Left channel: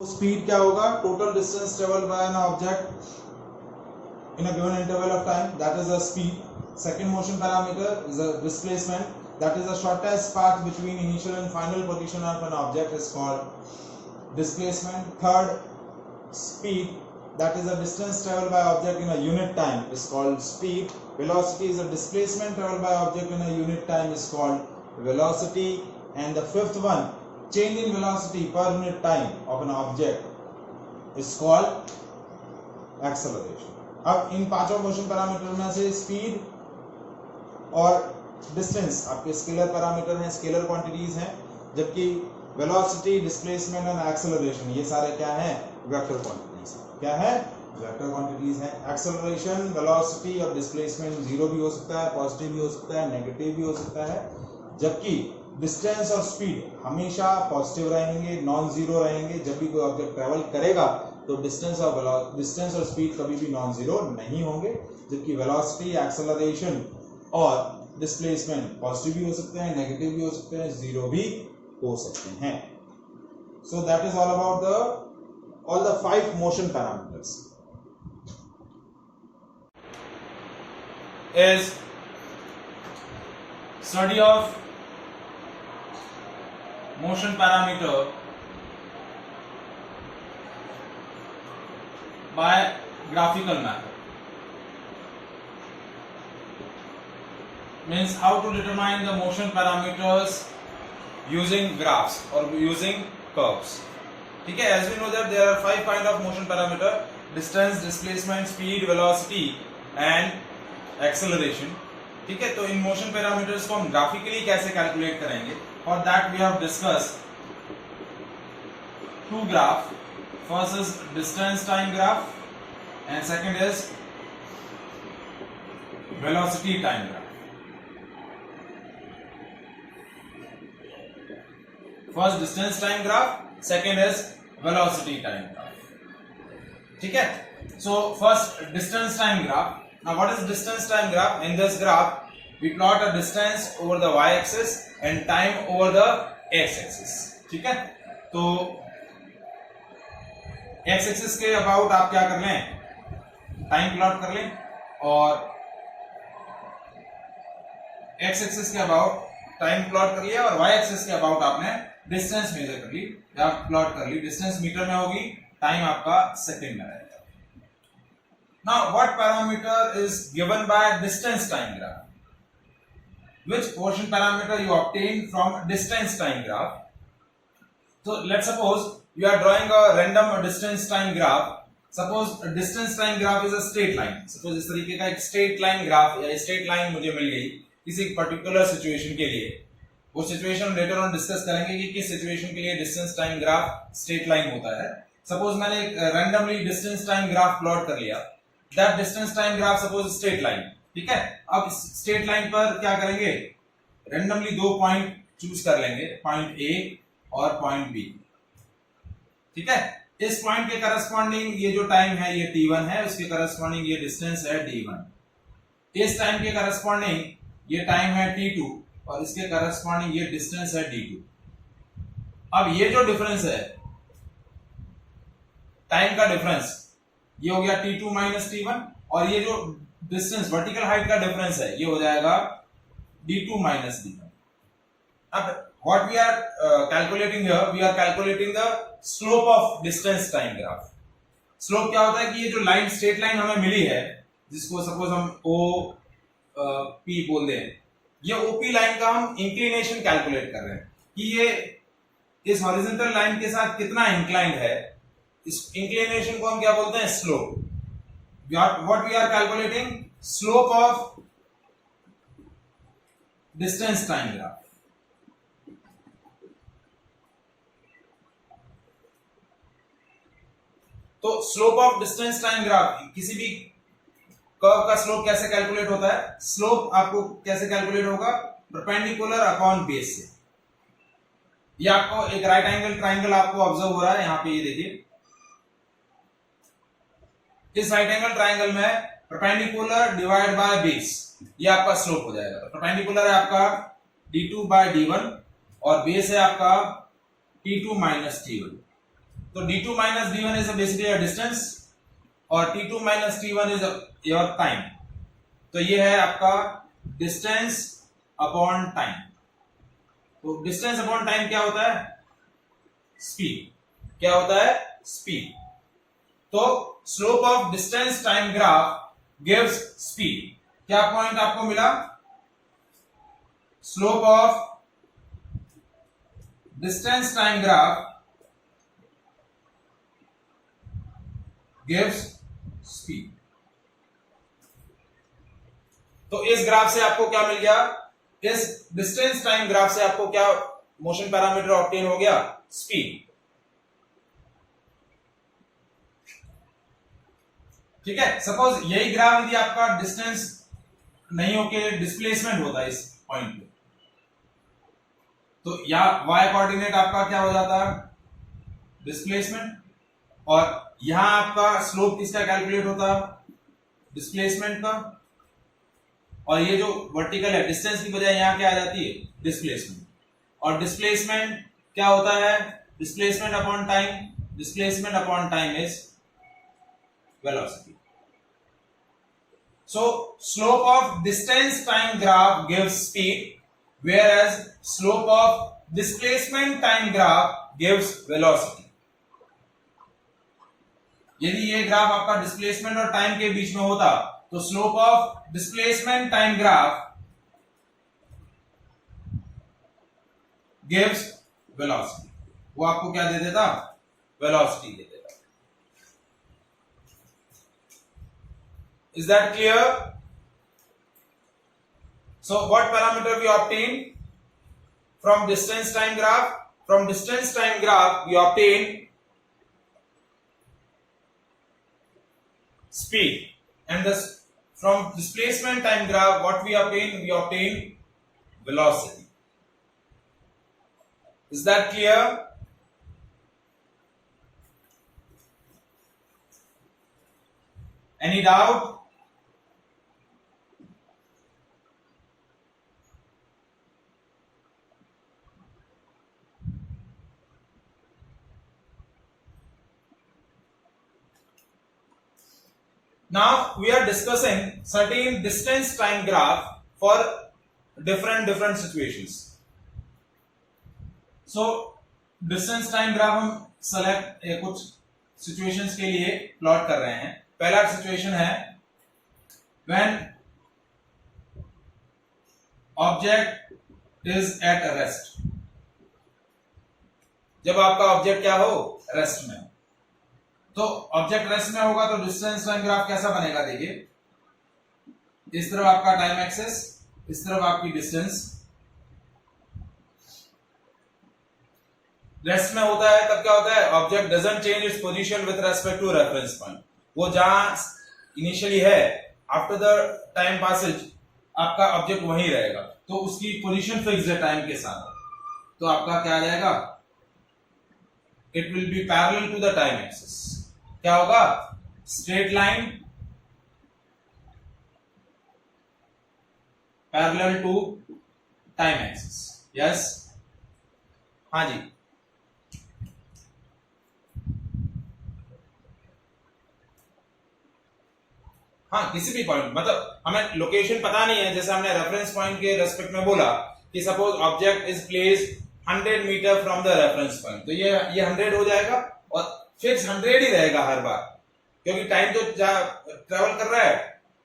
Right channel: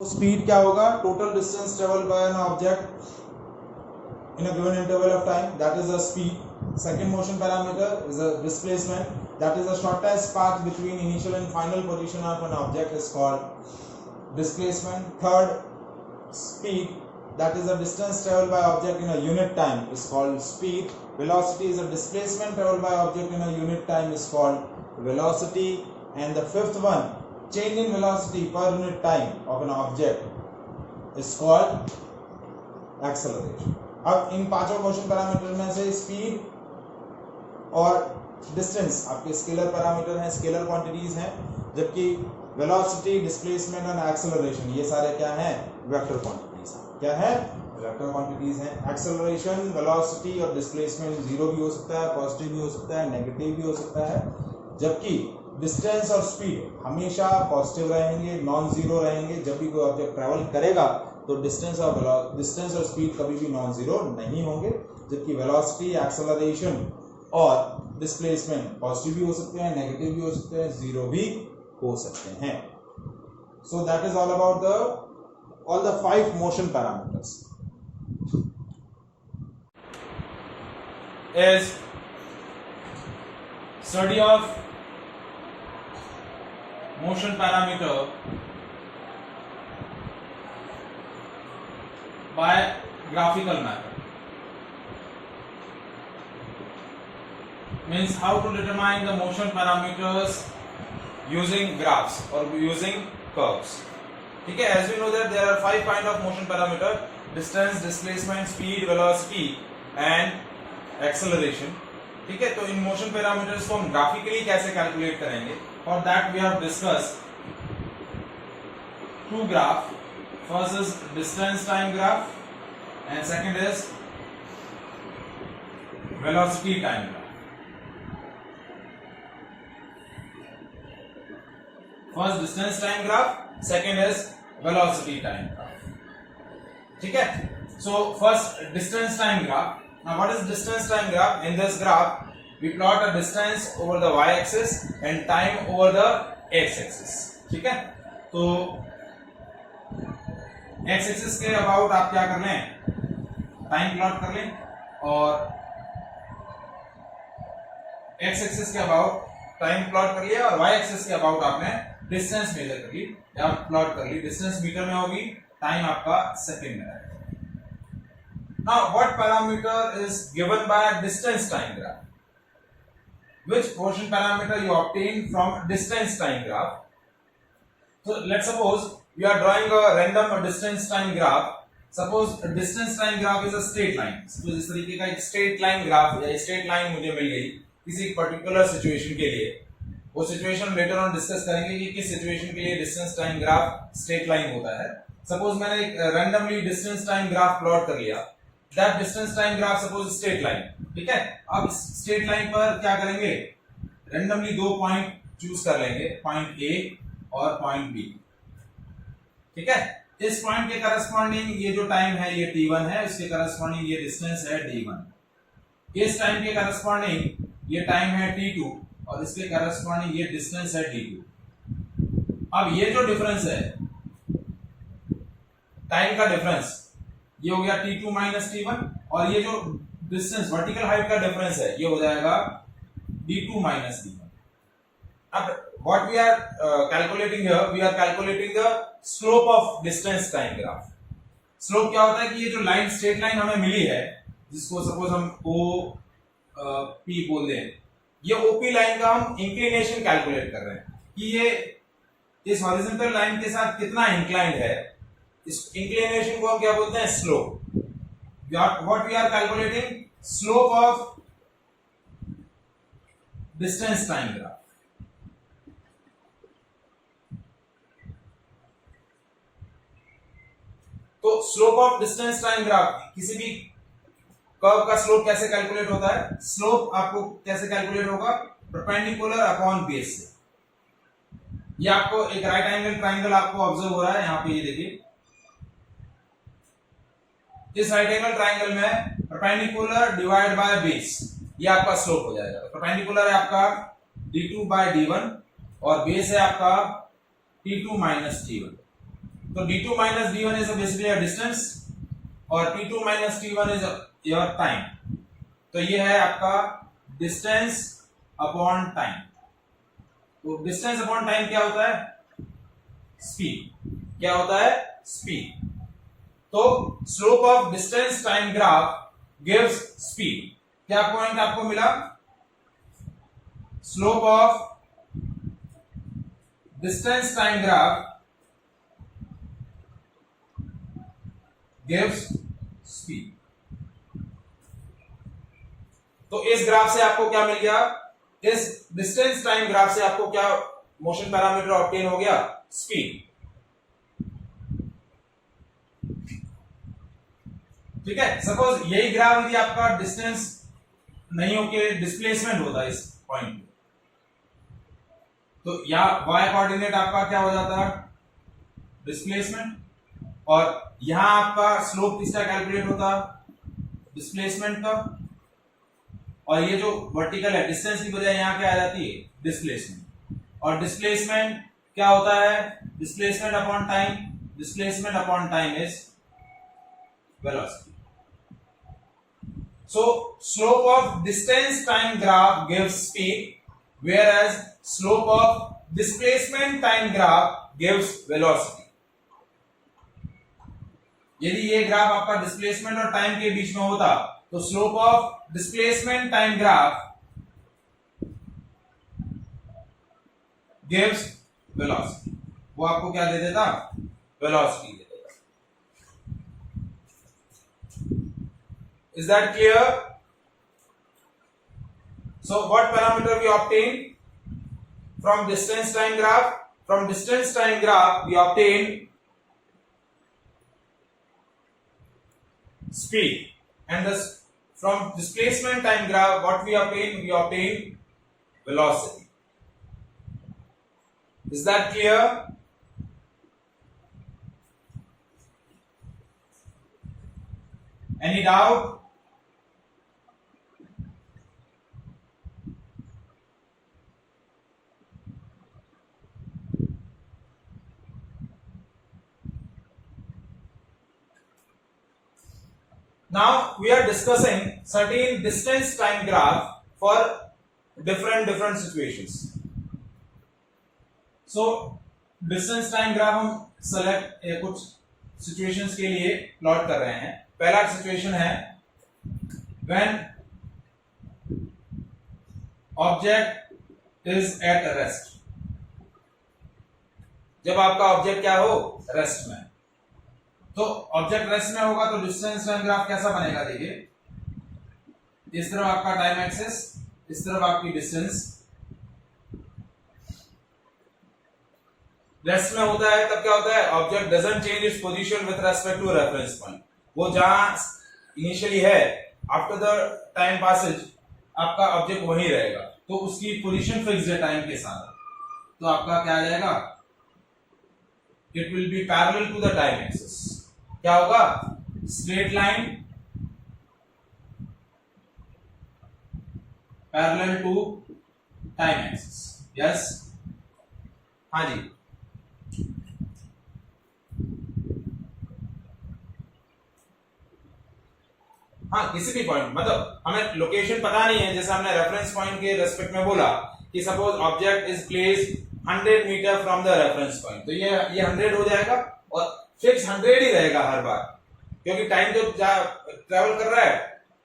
Speed क्या होगा? Total distance travel by an object in a given interval of time, that is the speed. Second motion parameter is a displacement, that is the shortest path between initial and final position of an object is called displacement. Third, speed, that is the distance traveled by object in a unit time is called speed. Velocity is a displacement traveled by object in a unit time is called velocity. And the fifth one, change in velocity per unit time of an object is called acceleration. अब इन पांचों motion parameter में से speed और distance आपके scalar parameter हैं, scalar quantities हैं, जबकि velocity, displacement और एक्सेलरेशन ये सारे क्या हैं? Vector quantities. क्या है? वेक्टर क्वांटिटीज हैं। एक्सेलरेशन, वेलोसिटी और डिस्प्लेसमेंट जीरो भी हो सकता है, पॉजिटिव भी हो सकता है, नेगेटिव भी हो सकता है, जबकि डिस्टेंस और स्पीड हमेशा पॉजिटिव रहेंगे, नॉन जीरो रहेंगे। जब भी कोई ऑब्जेक्ट ट्रेवल करेगा तो डिस्टेंस और स्पीड कभी भी नॉन जीरो नहीं होंगे, जबकि वेलोसिटी, एक्सेलरेशन और डिस्प्लेसमेंट पॉजिटिव भी हो सकते हैं, नेगेटिव भी हो सकते हैं, जीरो भी हो सकते हैं। So that is all about all the 5 motion parameters. Is study of motion parameter by graphical method. Means how to determine the motion parameters using graphs or using curves. ठीक है, as we know that there are 5 kind of motion parameter: distance, displacement, speed, velocity and acceleration. ठीक है, तो in motion parameters को हम graphically कैसे calculate करेंगे? For that we have discussed 2 graph. First is distance time graph and second is velocity time graph. First distance time graph, second is velocity time graph. ठीक है, so first distance time graph. Now what is distance time graph? In this graph we plot a distance over the y axis and time over the x axis. ठीक है, तो x axis के about आप क्या कर लें? Time plot कर लें, और एक्स एक्सिस के अबाउट टाइम प्लॉट कर लिया, और वाई एक्सिस के अबाउट आपने डिस्टेंस मेजर कर ली या प्लॉट कर ली। डिस्टेंस मीटर में होगी, टाइम आपका सेकंड में रहेगा। Now what parameter is given by distance time graph? Which motion parameter you obtain from distance time graph? So let's suppose you are drawing a random distance time graph. Suppose distance time graph is a straight line. Suppose इस तरीके का एक straight line graph या straight line मुझे मिल गई किसी particular situation के लिए। वो situation later on discuss करेंगे कि किस situation के लिए distance time graph straight line होता है। Suppose मैंने एक randomly distance time graph plot कर लिया। That distance time graph suppose straight line, ठीक है। अब straight line पर क्या करेंगे? Randomly 2 point choose कर लेंगे, point A और पॉइंट बी। ठीक है, इस पॉइंट के करस्पॉन्डिंग ये जो टाइम है ये t1 है, उसके करस्पॉन्डिंग ये डिस्टेंस है d1। इस टाइम के करस्पॉन्डिंग ये टाइम है t2 और इसके करस्पॉन्डिंग ये डिस्टेंस है d2। अब ये जो डिफरेंस है टाइम का डिफरेंस, ये हो गया t2 माइनस t1, और ये जो डिस्टेंस वर्टिकल हाइट का डिफरेंस है ये हो जाएगा d2 माइनस d1। अब what we are calculating here, we are calculating the slope of distance time graph. Slope क्या होता है कि ये जो लाइन, स्ट्रेट लाइन हमें मिली है, जिसको सपोज हम OP बोल दें, ये OP लाइन का हम इंक्लिनेशन कैलकुलेट कर रहे हैं कि ये इस हॉरिजॉन्टल लाइन के साथ कितना इंक्लाइंड है। इस इंक्लिनेशन को हम क्या बोलते हैं? Slope. What we are calculating? Slope of distance time graph. तो slope of distance time graph, किसी भी कर्व का स्लोप कैसे कैलकुलेट होता है? स्लोप आपको कैसे कैलकुलेट होगा? परपेंडिकुलर अपॉन बेस से। ये आपको एक राइट एंगल ट्राइंगल आपको ऑब्जर्व हो रहा है, यहां पे ये देखिए, इस राइट एंगल ट्राइंगल में परपेंडिकुलर डिवाइड बाय बेस, ये आपका स्लोप हो जाएगा। तो परपेंडिकुलर है आपका d2 बाय d1 और बेस है आपका t2 माइनस t1। तो d2 minus d1 is basically a distance और t2 minus t1 is your time। तो ये है आपका डिस्टेंस अपॉन टाइम। तो डिस्टेंस अपॉन टाइम क्या होता है? स्पीड। क्या होता है? स्पीड। तो slope of distance time graph gives speed. क्या पॉइंट आपको मिला? Slope of distance time graph gives speed. तो इस ग्राफ से आपको क्या मिल गया? इस डिस्टेंस टाइम ग्राफ से आपको क्या मोशन पैरामीटर ऑब्टेन हो गया? स्पीड। ठीक है। सपोज यही ग्राफ यदि आपका डिस्टेंस नहीं होके डिस्प्लेसमेंट होता है इस पॉइंट पे, तो या y कोऑर्डिनेट आपका क्या हो जाता है? डिस्प्लेसमेंट। और यहां आपका स्लोप किसका कैलकुलेट होता? डिस्प्लेसमेंट का। और ये जो वर्टिकल है डिस्टेंस की बजाय यहां क्या आ जाती है? डिस्प्लेसमेंट। और डिस्प्लेसमेंट क्या होता है? Displacement upon time. Displacement upon time is velocity. So slope of distance time graph gives speed, whereas slope of displacement time graph gives velocity. यदि ये ग्राफ आपका डिस्प्लेसमेंट और टाइम के बीच में होता तो slope of displacement time graph gives velocity. वो आपको क्या दे देता? वेलोसिटी दे देता। Is that clear? So what parameter we obtain from distance time graph? From distance time graph we obtain speed, and this from displacement time graph what we obtain? We obtain velocity. Is that clear? Any doubt? Now we are discussing certain distance time graph for different situations. So distance time graph हम select कुछ situations के लिए plot कर रहे हैं। पहला situation है when object is at rest। जब आपका ऑब्जेक्ट क्या हो? रेस्ट में। तो ऑब्जेक्ट रेस्ट में होगा तो डिस्टेंस टाइम ग्राफ कैसा बनेगा? देखिए, इस तरफ आपका टाइम एक्सेस, इस तरफ आपकी डिस्टेंस। रेस्ट में होता है तब क्या होता है? Object doesn't change its position with respect to reference point. वो जहां इनिशियली है आफ्टर द टाइम पासेज आपका ऑब्जेक्ट वहीं रहेगा, तो उसकी पोजीशन फिक्स है टाइम के साथ। तो आपका क्या आ जाएगा? It will be parallel to the time axis. क्या होगा? Straight line parallel to time axis. Yes, हाँ जी। हाँ, किसी भी पॉइंट, मतलब हमें लोकेशन पता नहीं है, जैसे हमने रेफरेंस पॉइंट के रेस्पेक्ट में बोला कि suppose object is placed 100 metre from the reference point, तो ये 100 हो जाएगा और फिक्स 100 ही रहेगा हर बार, क्योंकि टाइम तो ट्रेवल कर रहा है,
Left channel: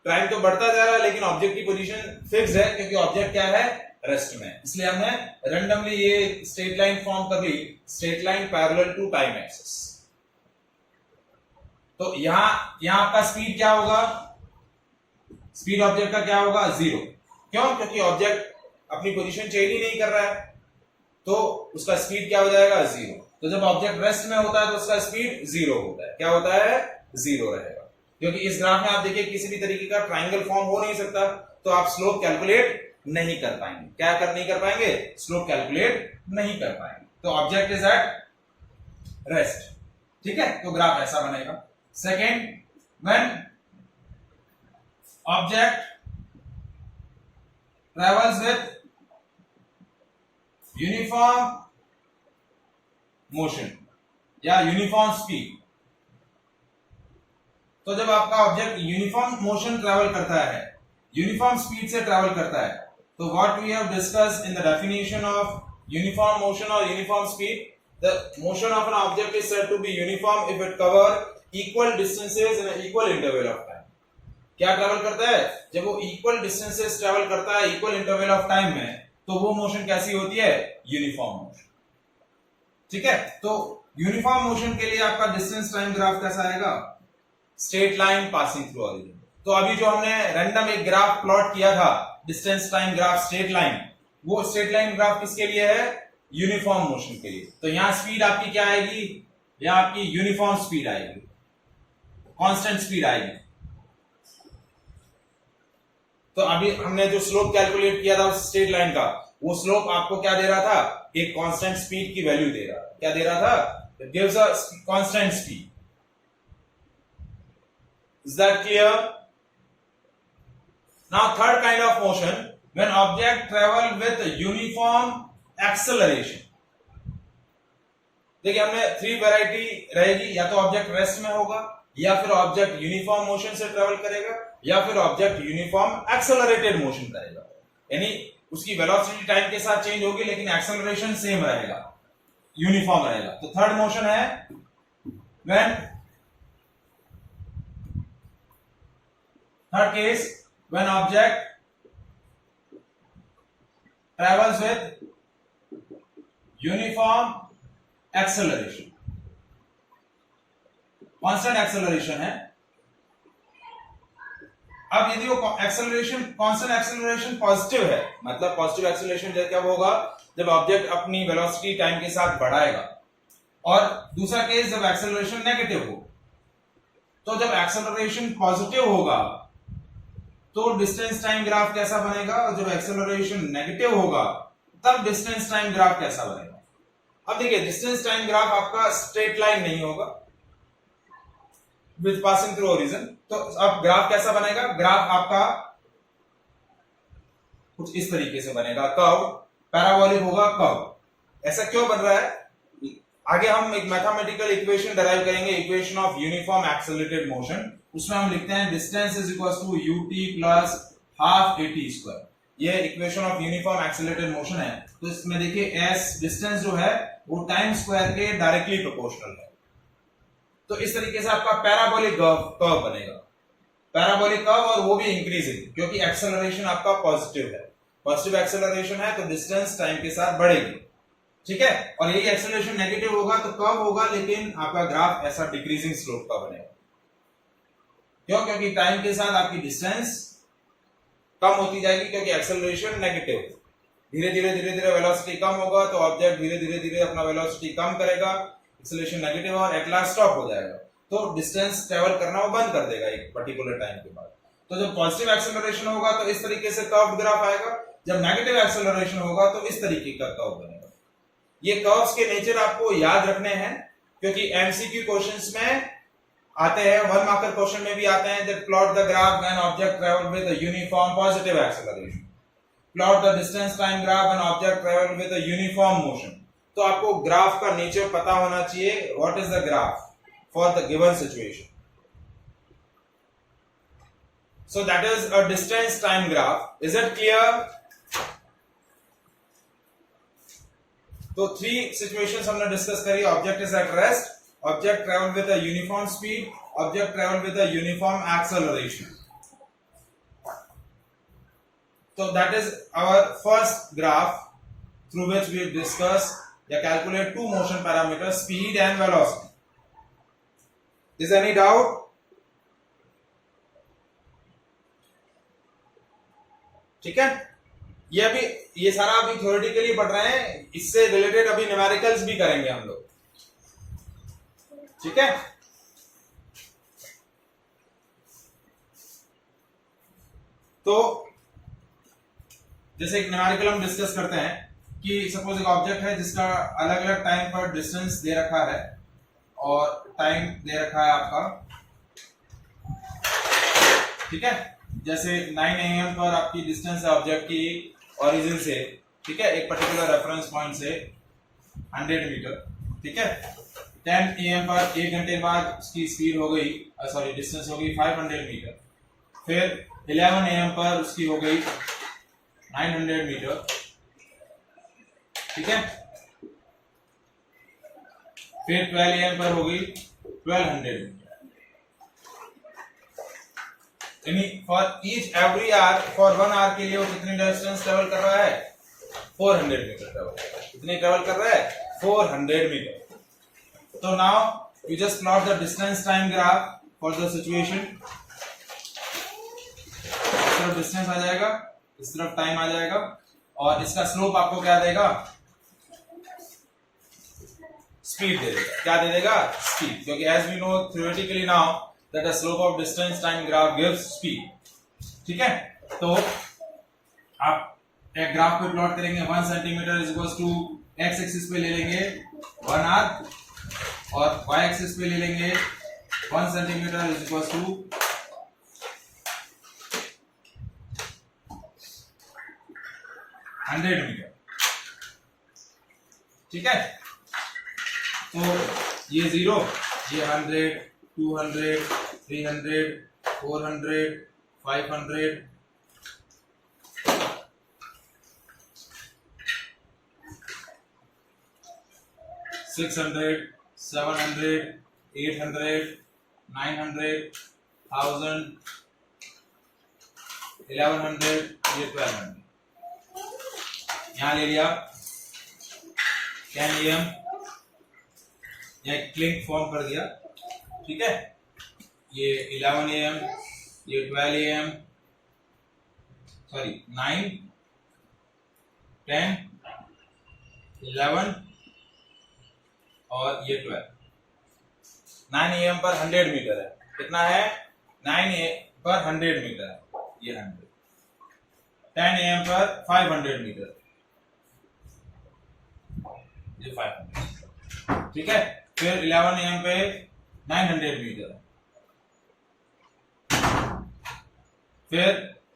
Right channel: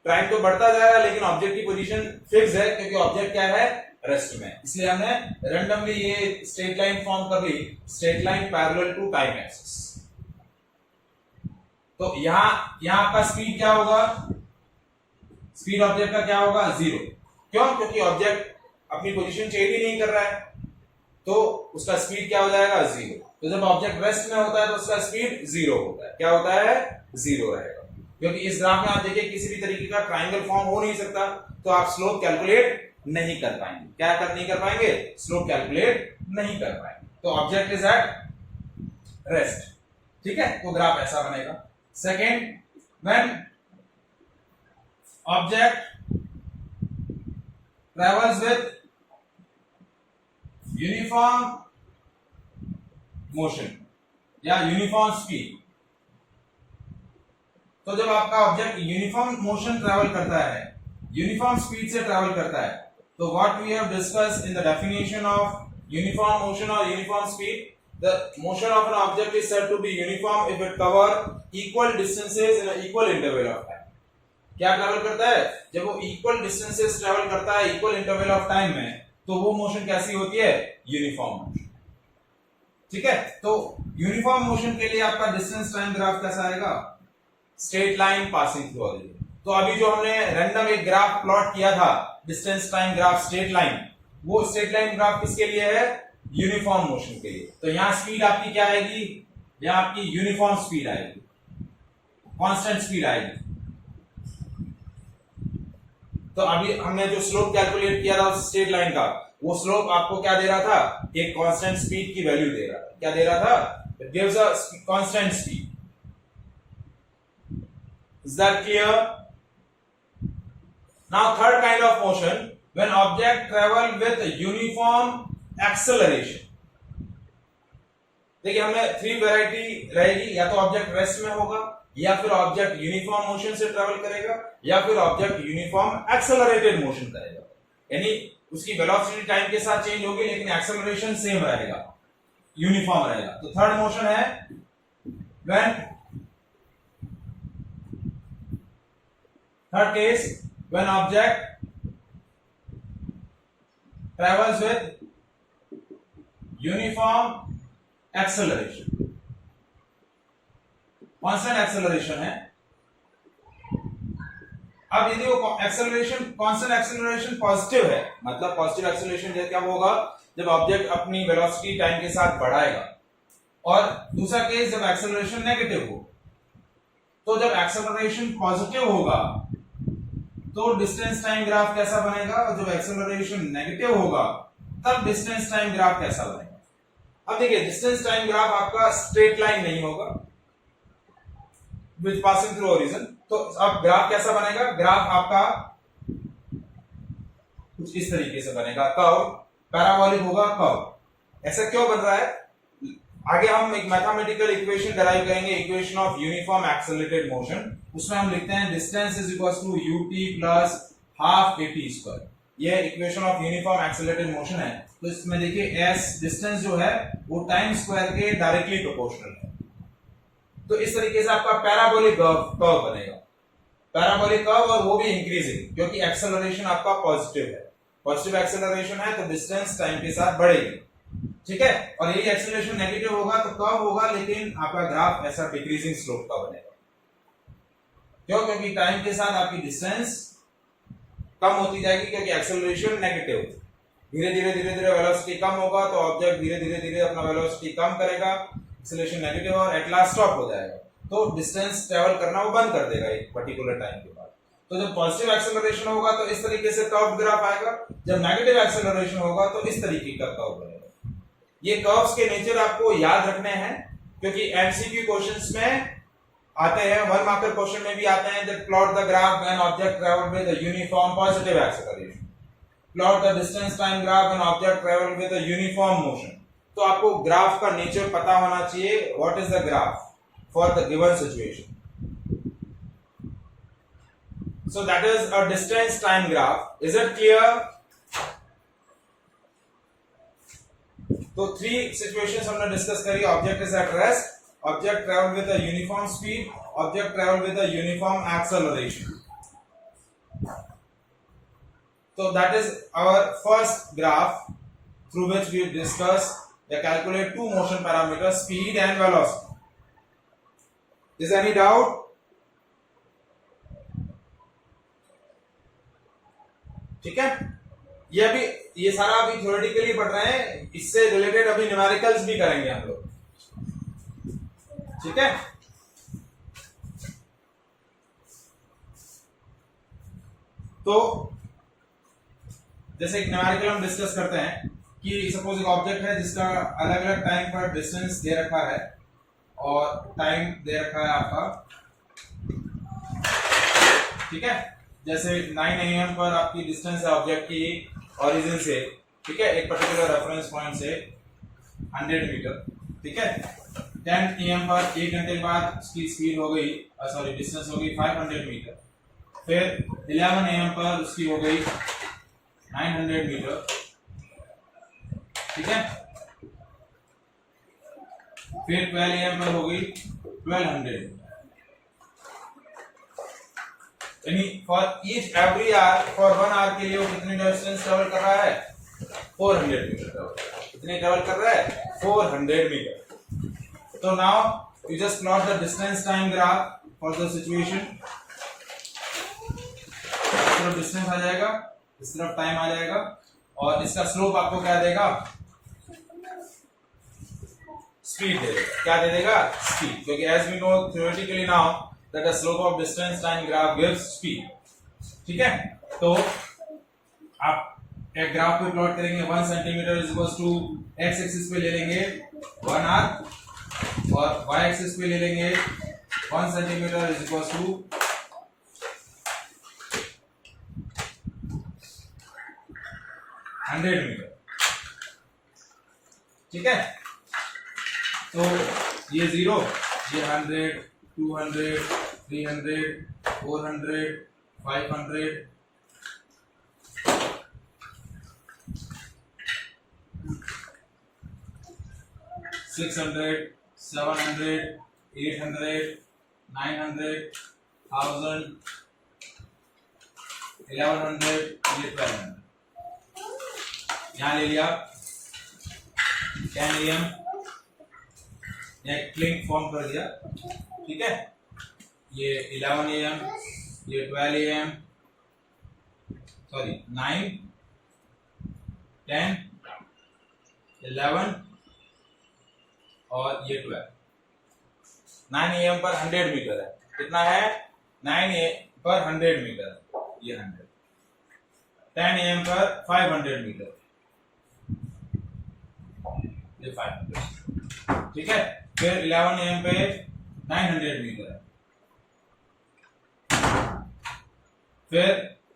टाइम तो बढ़ता जा रहा है, लेकिन ऑब्जेक्ट की पोजीशन फिक्स है क्योंकि ऑब्जेक्ट क्या है? रेस्ट में। इसलिए हमने रैंडमली ये स्ट्रेट लाइन फॉर्म कर ली, straight line parallel to time axis. तो यहां आपका स्पीड क्या होगा? स्पीड ऑब्जेक्ट का क्या होगा? 0। क्यों? क्योंकि ऑब्जेक्ट अपनी पोजीशन चेंज ही नहीं कर रहा है, तो उसका स्पीड क्या हो जाएगा? 0। तो जब ऑब्जेक्ट रेस्ट में होता है तो उसका स्पीड 0 होता है। क्या होता है? 0 रहेगा। क्योंकि इस ग्राफ में आप देखिए किसी भी तरीके का ट्राइंगल फॉर्म हो नहीं सकता, तो आप स्लोप कैलकुलेट नहीं कर पाएंगे। क्या नहीं कर पाएंगे? स्लोप कैलकुलेट नहीं कर पाएंगे। तो ऑब्जेक्ट इज एट रेस्ट, ठीक है, तो ग्राफ ऐसा बनेगा। Second, when object travels with uniform motion, या यूनिफॉर्म स्पीड। तो जब आपका ऑब्जेक्ट यूनिफॉर्म मोशन ट्रेवल करता है, यूनिफॉर्म स्पीड से ट्रेवल करता है, तो what we have discussed in the definition of uniform motion और uniform speed, the motion of an object is said to be uniform if it cover equal distances in equal interval of time. क्या travel करता है? जब वो equal distances travel करता है equal interval of time में, तो वो मोशन कैसी होती है? Uniform motion. ठीक है, तो यूनिफॉर्म मोशन के लिए आपका डिस्टेंस टाइम ग्राफ कैसा आएगा? Straight line passing through origin. तो अभी जो हमने रैंडम एक ग्राफ प्लॉट किया था, distance time graph straight line, वो स्ट्रेट लाइन ग्राफ किसके लिए है? यूनिफॉर्म मोशन के लिए। तो यहां स्पीड आपकी क्या आएगी? यहां आपकी यूनिफॉर्म स्पीड आएगी, कांस्टेंट स्पीड आएगी। तो अभी हमने जो स्लोप कैलकुलेट किया था उस स्ट्रेट लाइन का, वो स्लोप आपको क्या दे रहा था? एक कांस्टेंट स्पीड की वैल्यू दे रहा था। क्या दे रहा था? It gives a constant speed. Is that clear? Now third kind of motion, when object travel with uniform acceleration. देखिए हमने 3 वैरायटी रहेगी, या तो ऑब्जेक्ट रेस्ट में होगा, या फिर ऑब्जेक्ट यूनिफॉर्म मोशन से ट्रेवल करेगा, या फिर ऑब्जेक्ट यूनिफॉर्म एक्सेलरेटेड मोशन करेगा। यानी उसकी वेलोसिटी टाइम के साथ चेंज होगी लेकिन एक्सेलरेशन सेम रहेगा, यूनिफॉर्म रहेगा। तो थर्ड मोशन है when third case, when object travels with uniform acceleration, constant acceleration है। अब यदि वो एक्सेलरेशन कांस्टेंट एक्सेलरेशन पॉजिटिव है, मतलब पॉजिटिव एक्सेलरेशन जब होगा जब ऑब्जेक्ट अपनी वेलोसिटी टाइम के साथ बढ़ाएगा, और दूसरा केस जब एक्सेलरेशन नेगेटिव हो। तो जब एक्सेलरेशन पॉजिटिव होगा तो डिस्टेंस टाइम ग्राफ कैसा बनेगा, और जब एक्सेलरेशन नेगेटिव होगा तब डिस्टेंस टाइम ग्राफ कैसा बनेगा। अब देखिए डिस्टेंस टाइम ग्राफ आपका स्ट्रेट लाइन नहीं होगा विद पासिंग थ्रू ओरिजिन, तो अब ग्राफ कैसा बनेगा? ग्राफ आपका कुछ इस तरीके से बनेगा, कर्व, पैराबोलिक होगा कर्व। ऐसा क्यों बन रहा है? आगे हम एक मैथमेटिकल इक्वेशन डराइव करेंगे, equation of uniform accelerated motion. उसमें हम लिखते हैं distance is equal to ut plus half at square. ये equation of uniform accelerated motion है। तो इसमें देखिए s डिस्टेंस जो है वो टाइम स्क्वायर के डायरेक्टली प्रोपोर्शनल है। तो इस तरीके से आपका पैराबोलिक कर्व बनेगा, पैराबोलिक कर्व, और वो भी इंक्रीजिंग, क्योंकि एक्सेलरेशन आपका पॉजिटिव है। पॉजिटिव एक्सेलरेशन है तो डिस्टेंस टाइम के साथ बढ़ेगी। ठीक है, और यही एक्सेलरेशन नेगेटिव होगा तो कर्व होगा, लेकिन आपका ग्राफ ऐसा डिक्रीजिंग स्लोप का बनेगा। क्यों? क्योंकि टाइम के साथ आपकी डिस्टेंस कम होती जाएगी, क्योंकि एक्सेलरेशन नेगेटिव। धीरे धीरे वेलोसिटी कम होगा तो ऑब्जेक्ट धीरे धीरे अपना वेलोसिटी कम करेगा, एक्सेलरेशन नेगेटिव और एट लास्ट स्टॉप हो जाएगा, तो डिस्टेंस ट्रेवल करना वो बंद कर देगा एक पर्टिकुलर टाइम के बाद। तो जब पॉजिटिव एक्सेलरेशन होगा तो इस तरीके से कर्व ग्राफ आएगा, जब नेगेटिव एक्सेलरेशन होगा तो इस तरीके का कर्व बनेगा। ये कर्व्स के नेचर आपको याद रखने हैं, क्योंकि एमसीक्यू क्वेश्चंस में आते हैं, 1 मार्कर क्वेश्चन में भी आते हैं। That plot the graph when object travel with a uniform positive acceleration, plot the distance time graph when object travel with a uniform motion. तो आपको ग्राफ का नेचर पता होना चाहिए, what is the graph for the given situation. So that is a distance time graph. Is it clear? तो 3 situations हमने discuss करी। Object is at rest, object travel with a uniform speed, object travel with a uniform acceleration. So that is our first graph through which we discuss या calculate 2 motion parameters, speed and velocity. Is any doubt? ठीक है, ये सारा अभी theoretically पढ़ रहे हैं, इससे रिलेटेड अभी न्यूमेरिकल्स भी करेंगे हम लोग। ठीक है, तो जैसे एक न्यूमेरिकल हम डिस्कस करते हैं कि सपोज एक ऑब्जेक्ट है जिसका अलग अलग टाइम पर डिस्टेंस दे रखा है और टाइम दे रखा है आपका। ठीक है, जैसे 9 AM पर आपकी डिस्टेंस है ऑब्जेक्ट की ओरिजिन से, ठीक है, एक पर्टिकुलर रेफरेंस पॉइंट से 100 मीटर। ठीक है, 10 AM पर 1 घंटे बाद उसकी स्पीड हो गई, सॉरी डिस्टेंस हो गई 500 मीटर। फिर 11 AM पर उसकी हो गई 900 मीटर, ठीक है। फिर 12 AM पर होगी 1200 मीटर। यानी for each every hour, for 1 hour के लिए वो कितनी डिस्टेंस ट्रेवल कर रहा है? 400 मीटर ट्रेवल कर रहा है। कितने ट्रेवल कर रहा है? 400 मीटर। तो now you just plot the distance time graph for the situation. इस तरफ डिस्टेंस आ जाएगा, इस तरफ टाइम आ जाएगा, और इसका स्लोप आपको क्या देगा? स्पीड दे देगा। क्या दे देगा? स्पीड, क्योंकि as we know theoretically now that the slope of distance time graph gives speed, ठीक है। तो आप एक ग्राफ को प्लॉट करेंगे, 1 centimetre is equal to x axis पे ले लेंगे 1 आवर, और वाई एक्सिस पे ले लेंगे 1 centimetre is equal to 100 metre, ठीक है। तो ये 0, ये 100, 200, 300, 400, 500, 600, 700, 800, 900, 1000, 1100, ये 1200। यहाँ ले लिया 10 AM, यह क्लिंक फॉर्म कर दिया, ठीक है। ये 11 AM, ये 12 AM, सॉरी 9, 10, 11 और ये 12। 9 AM पर 100 मीटर है। कितना है? 9 AM पर 100 मीटर है, ये 100। 10 AM पर 500 मीटर, ये 500, ठीक है। फिर 11 AM पे 900 मीटर है। फिर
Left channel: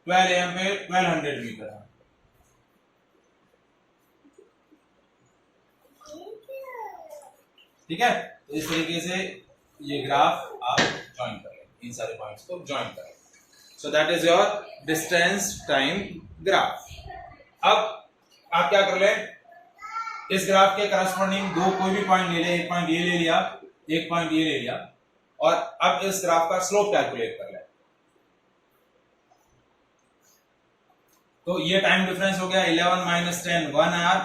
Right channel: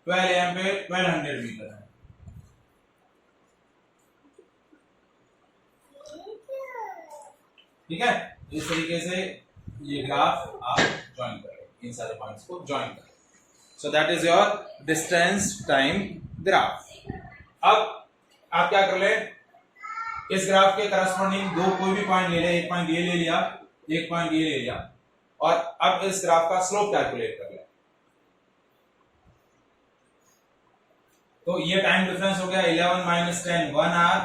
12 AM पे 1200 मीटर है। ठीक है। तो इस तरीके से ये ग्राफ आप ज्वाइन करें, इन सारे पॉइंट्स को ज्वाइन करें। So that is your distance time graph. अब आप क्या कर ले, इस ग्राफ के करस्पॉन्डिंग दो कोई भी पॉइंट ले ले, एक पॉइंट ये ले लिया, एक पॉइंट ये ले लिया, और अब इस ग्राफ का स्लोप कैलकुलेट कर ले। तो ये टाइम डिफरेंस हो गया 11 माइनस 10, 1 आवर,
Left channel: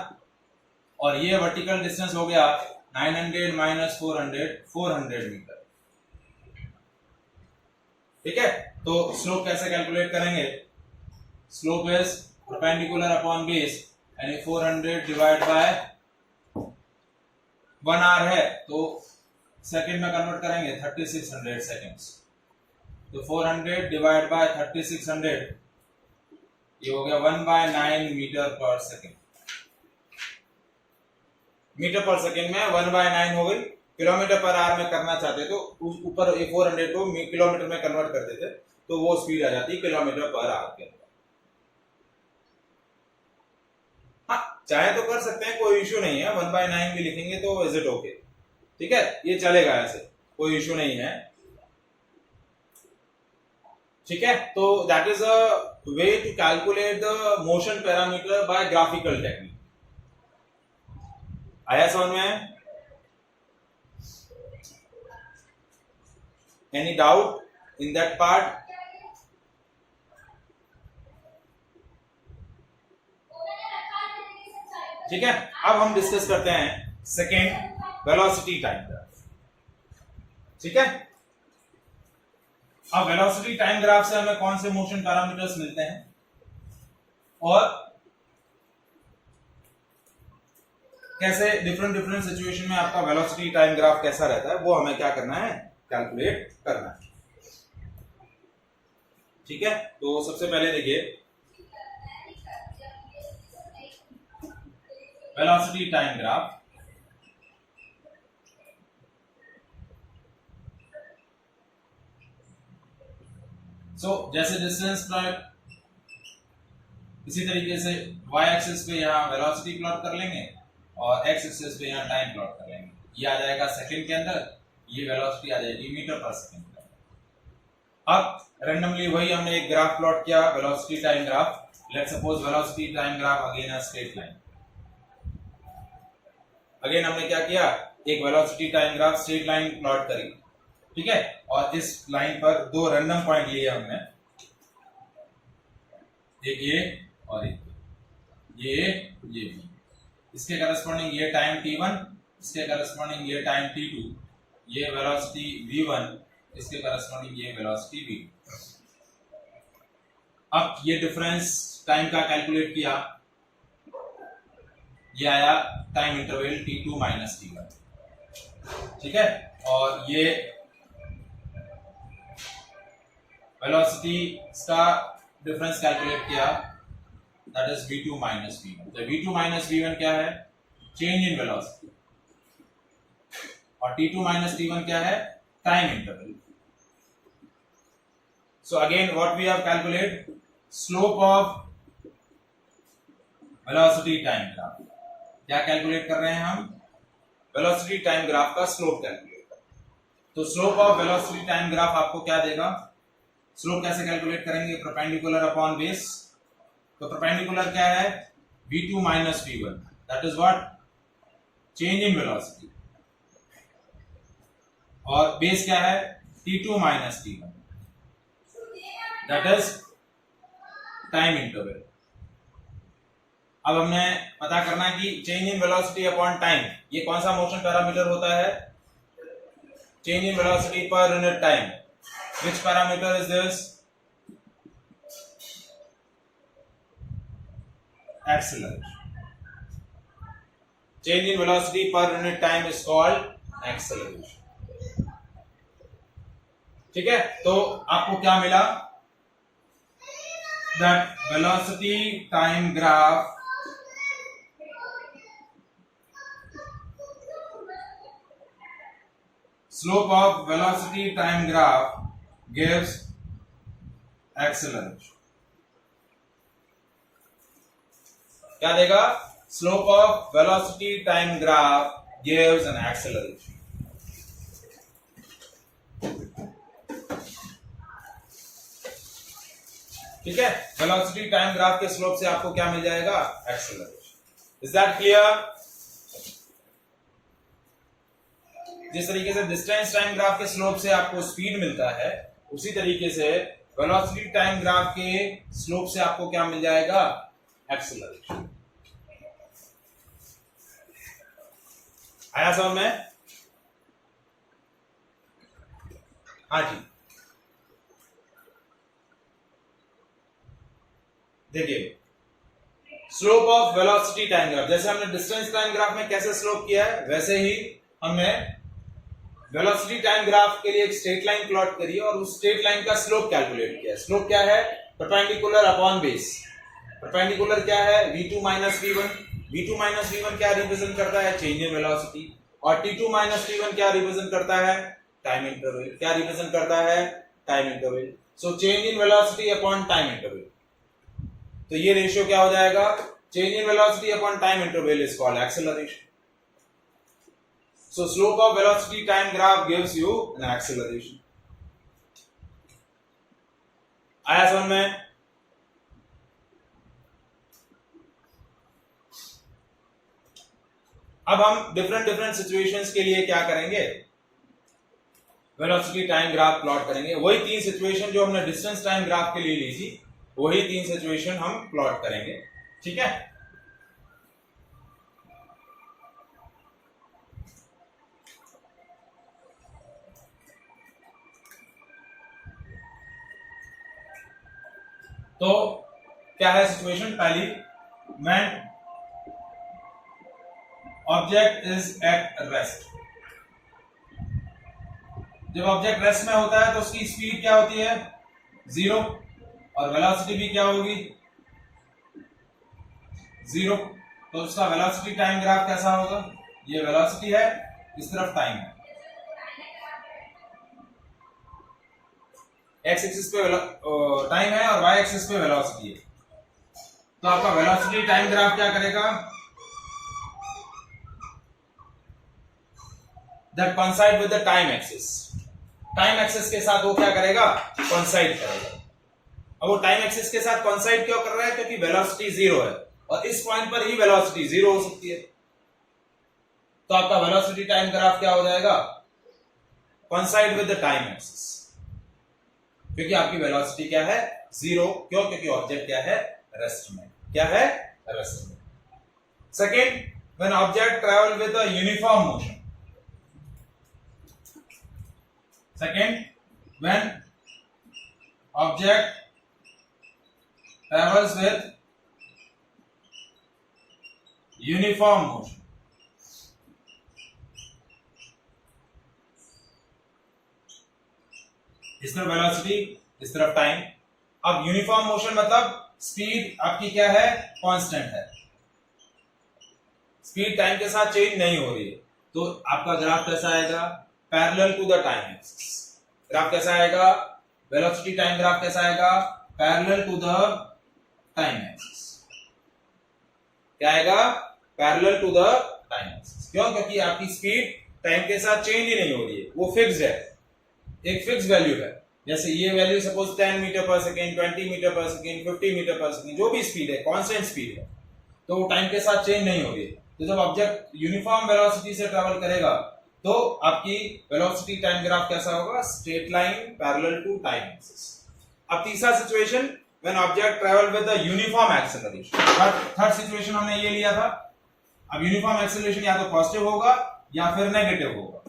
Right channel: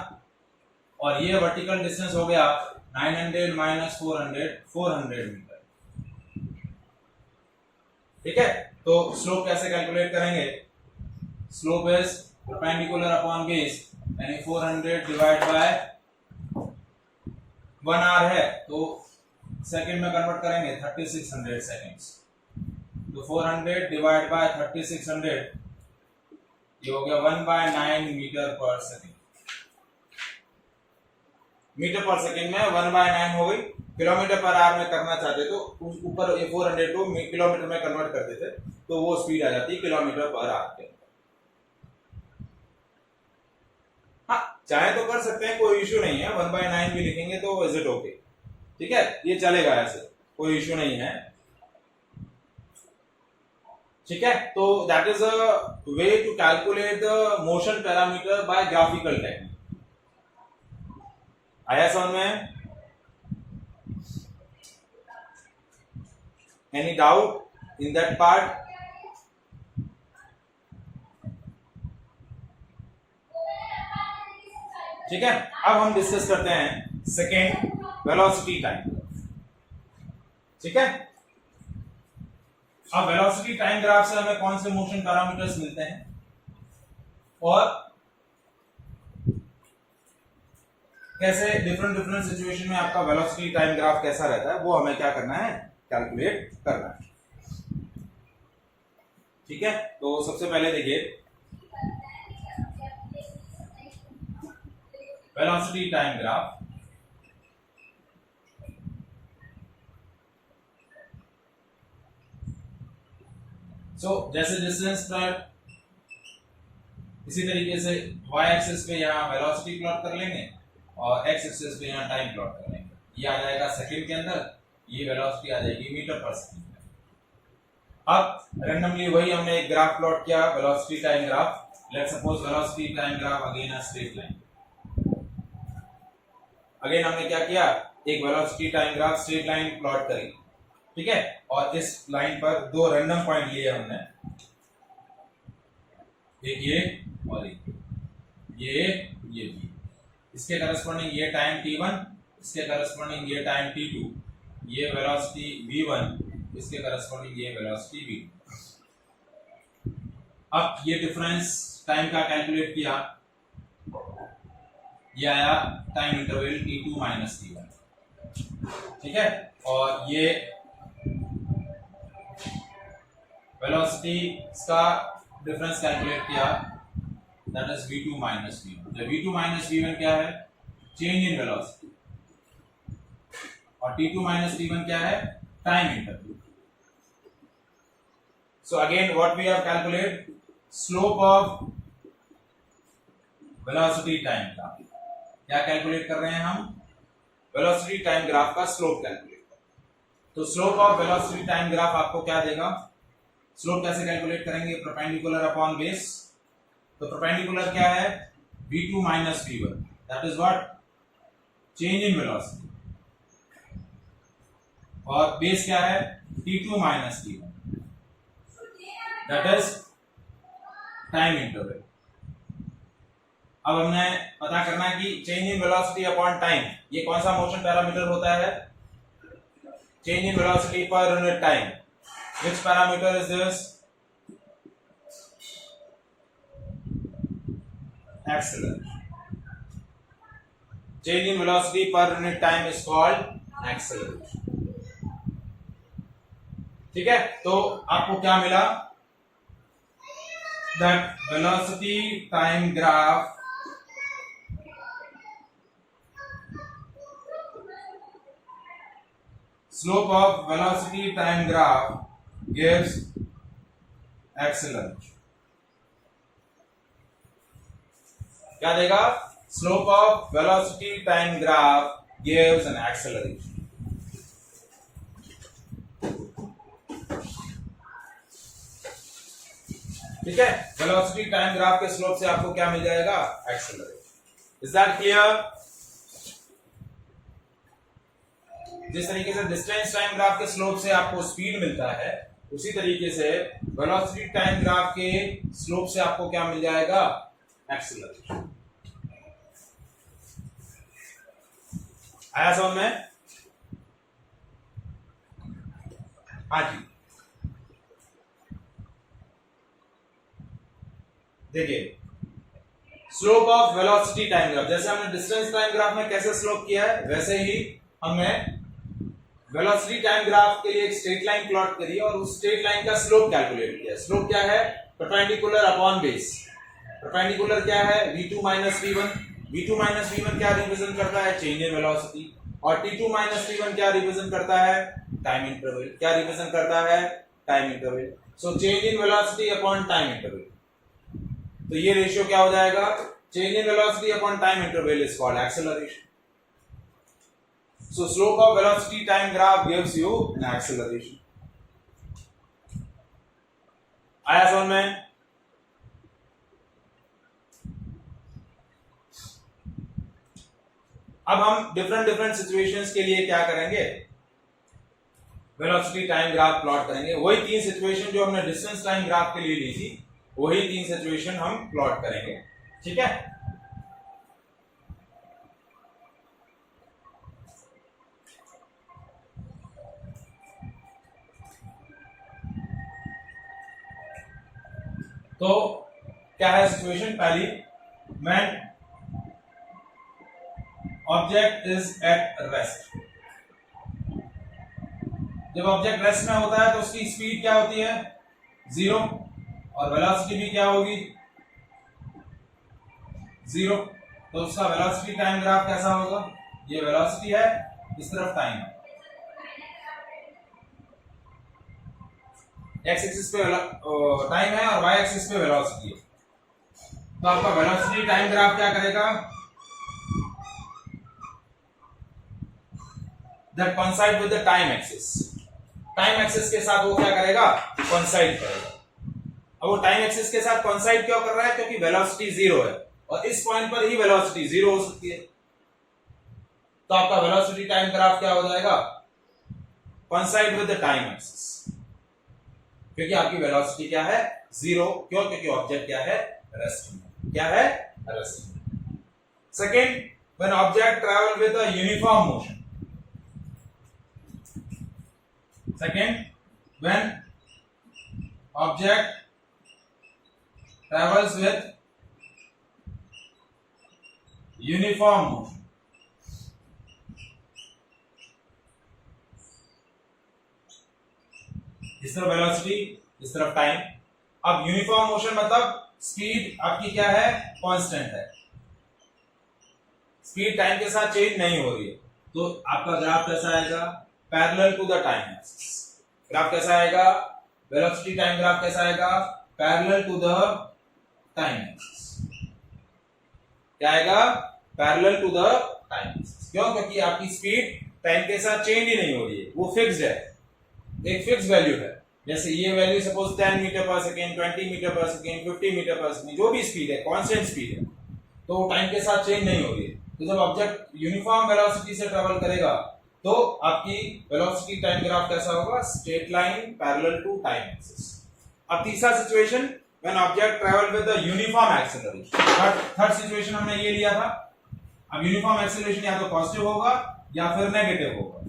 और ये वर्टिकल डिस्टेंस हो गया 900 माइनस 400, 400 मीटर, ठीक है। तो स्लोप कैसे कैलकुलेट करेंगे? Slope is perpendicular upon base, यानी 400 डिवाइड बाय 1 आवर है तो सेकंड में कन्वर्ट करेंगे 3600 सेकंड्स। तो 400 डिवाइड बाय 3600, ये हो गया 1/9 मीटर पर सेकंड। मीटर पर सेकंड में 1/9 हो गई। किलोमीटर पर आवर में करना चाहते तो ऊपर ये 400 को किलोमीटर में कन्वर्ट कर देते तो वो स्पीड आ जाती किलोमीटर पर आवर के। हाँ, चाहे तो कर सकते हैं, कोई इश्यू नहीं है। 1/9 भी लिखेंगे तो इज इट ओके, ठीक है, ये चलेगा, ऐसे कोई इश्यू नहीं है, ठीक है। तो that is a way to calculate the motion parameter by graphical technique. आया समझ में? Any doubt in that part? ठीक है। अब हम डिस्कस करते हैं सेकेंड वेलोसिटी टाइम ग्राफ, ठीक है। अब वेलोसिटी टाइम ग्राफ से हमें कौन से मोशन पैरामीटर्स मिलते हैं और कैसे डिफरेंट सिचुएशन में आपका वेलोसिटी टाइम ग्राफ कैसा रहता है, वो हमें क्या करना है, कैलकुलेट करना है, ठीक है। तो सबसे पहले देखिए वेलोसिटी टाइम ग्राफ। जैसे डिस्टेंस प्लॉट, इसी तरीके से y एक्सिस पे यहाँ वेलोसिटी प्लॉट कर लेंगे और x एक्सिस पे यहाँ टाइम प्लॉट कर लेंगे। ये आ जाएगा सेकंड के अंदर, ये वेलोसिटी आ जाएगी मीटर पर सेकंड के अंदर। अब रैंडमली वही हमने एक ग्राफ प्लॉट किया, velocity time graph. Let's suppose velocity time graph again a straight line. Again हमने क्या किया, एक velocity time graph straight line plot करी, ठीक है। और इस लाइन पर दो रैंडम पॉइंट लिए हमने, एक ये और एक ये भी। इसके करस्पॉन्डिंग ये टाइम t1, इसके करस्पॉन्डिंग ये टाइम t2, ये वेलोसिटी v1, इसके करस्पॉन्डिंग ये वेलोसिटी v2। अब ये डिफरेंस टाइम का कैलकुलेट किया, ये आया time interval t2 minus t1, ठीक है। और ये वेलोसिटी का डिफरेंस कैलकुलेट किया, that is v2 minus v1। तो v2 माइनस v1 क्या है, चेंज इन वेलोसिटी, और t2 माइनस t1 क्या है, time interval. So again what we have calculate, slope of velocity time graph. क्या कैलकुलेट कर रहे हैं हम, वेलोसिटी टाइम ग्राफ का स्लोप कैलकुलेट कर। तो slope of velocity time graph आपको क्या देगा, स्लोप कैसे कैलकुलेट करेंगे, परपेंडिकुलर अपॉन बेस। तो परपेंडिकुलर क्या है, v2 minus v1, that is what, change in velocity, और बेस क्या है, t2 minus t1, that is time interval. अब हमने पता करना है कि change in velocity upon time, ये कौन सा मोशन पैरामीटर होता है, change in velocity per unit time. Which parameter is this? Acceleration. Change in velocity per unit time is called acceleration. ठीक है, तो आपको क्या मिला, that velocity time graph slope of velocity time graph gives acceleration. क्या देगा, slope of velocity time graph gives an acceleration. ठीक है, वेलोसिटी टाइम ग्राफ के स्लोप से आपको क्या मिल जाएगा, एक्सेलरेशन। Is that clear? जिस तरीके से डिस्टेंस टाइम ग्राफ के स्लोप से आपको स्पीड मिलता है, उसी तरीके से वेलोसिटी टाइम ग्राफ के स्लोप से आपको क्या मिल जाएगा, एक्सेलरेशन। आया समझ में? हाँ जी, देखिए slope of velocity time graph, जैसे हमने डिस्टेंस टाइम ग्राफ में कैसे स्लोप किया है, वैसे ही हमने वेलोसिटी टाइम ग्राफ के लिए एक स्ट्रेट लाइन प्लॉट करी और उस स्ट्रेट लाइन का स्लोप कैलकुलेट किया। स्लोप क्या है, परपेंडिकुलर अपॉन बेस। परपेंडिकुलर क्या है, v2 minus v1। v2 minus v1 क्या रिप्रेजेंट करता है, चेंज इन वेलोसिटी, और t2 माइनस t1 क्या रिप्रेजेंट करता है, टाइम इंटरवल। क्या रिप्रेजेंट करता है, time interval. So change in velocity upon time interval, तो ये रेशियो क्या हो जाएगा, change in velocity upon time interval is called acceleration. So slope of velocity time graph gives you an acceleration. आया समझ में? अब हम डिफरेंट सिचुएशंस के लिए क्या करेंगे, वेलोसिटी टाइम ग्राफ प्लॉट करेंगे। वही तीन सिचुएशन जो हमने डिस्टेंस टाइम ग्राफ के लिए ली थी, वही तीन सिचुएशन हम प्लॉट करेंगे। ठीक है, तो क्या है सिचुएशन पहली, when object is at rest. जब ऑब्जेक्ट रेस्ट में होता है तो उसकी स्पीड क्या होती है, 0, और वेलोसिटी भी क्या होगी, 0। तो उसका वेलोसिटी टाइम ग्राफ कैसा होगा, ये वेलोसिटी है, इस तरफ टाइम है, एक्स एक्सिस पे टाइम है और वाई एक्सिस पे वेलोसिटी है। तो आपका वेलोसिटी टाइम ग्राफ क्या करेगा, that coincide with the time axis. Time axis के साथ वो क्या करेगा, कोइंसाइड करेगा। अब वो टाइम एक्सिस के साथ कोइंसाइड क्यों कर रहा है, क्योंकि वेलोसिटी जीरो है और इस पॉइंट पर ही वेलोसिटी जीरो हो सकती है। तो आपका वेलोसिटी टाइम ग्राफ क्या हो जाएगा, coincide with the time axis, क्योंकि आपकी वेलोसिटी क्या है, जीरो। क्यों, क्योंकि ऑब्जेक्ट क्या है, रेस्ट में। क्या है, रेस्ट में। Second, when object travel with a uniform motion. Second, when object travels with uniform motion। इस तरफ वेलोसिटी, इस तरफ टाइम। अब यूनिफॉर्म मोशन मतलब स्पीड आपकी क्या है, कांस्टेंट है, स्पीड टाइम के साथ चेंज नहीं हो रही है। तो आपका ग्राफ कैसा आएगा, parallel to the time axis. Graph कैसा आएगा, वेलोसिटी टाइम ग्राफ कैसा आएगा, parallel to the time axis. क्या आएगा, parallel to the time axis. क्यों, क्योंकि आपकी स्पीड टाइम के साथ चेंज ही नहीं हो रही है, वो फिक्स्ड है, एक फिक्स वैल्यू है। जैसे ये वैल्यू सपोज 10 मीटर पर सेकेंड, 20 मीटर पर सेकेंड, 50 मीटर पर सेकेंड, जो भी स्पीड है कांस्टेंट स्पीड है, तो वो टाइम के साथ चेंज नहीं हो रही है। तो जब ऑब्जेक्ट यूनिफॉर्म वेलोसिटी से ट्रेवल करेगा तो आपकी वेलोसिटी टाइम ग्राफ कैसा होगा, straight line parallel to time axis. अब तीसरा situation, when object travel with the uniform acceleration. Third situation हमने ये लिया था। अब यूनिफॉर्म एक्सेलरेशन या तो पॉजिटिव होगा या फिर नेगेटिव होगा।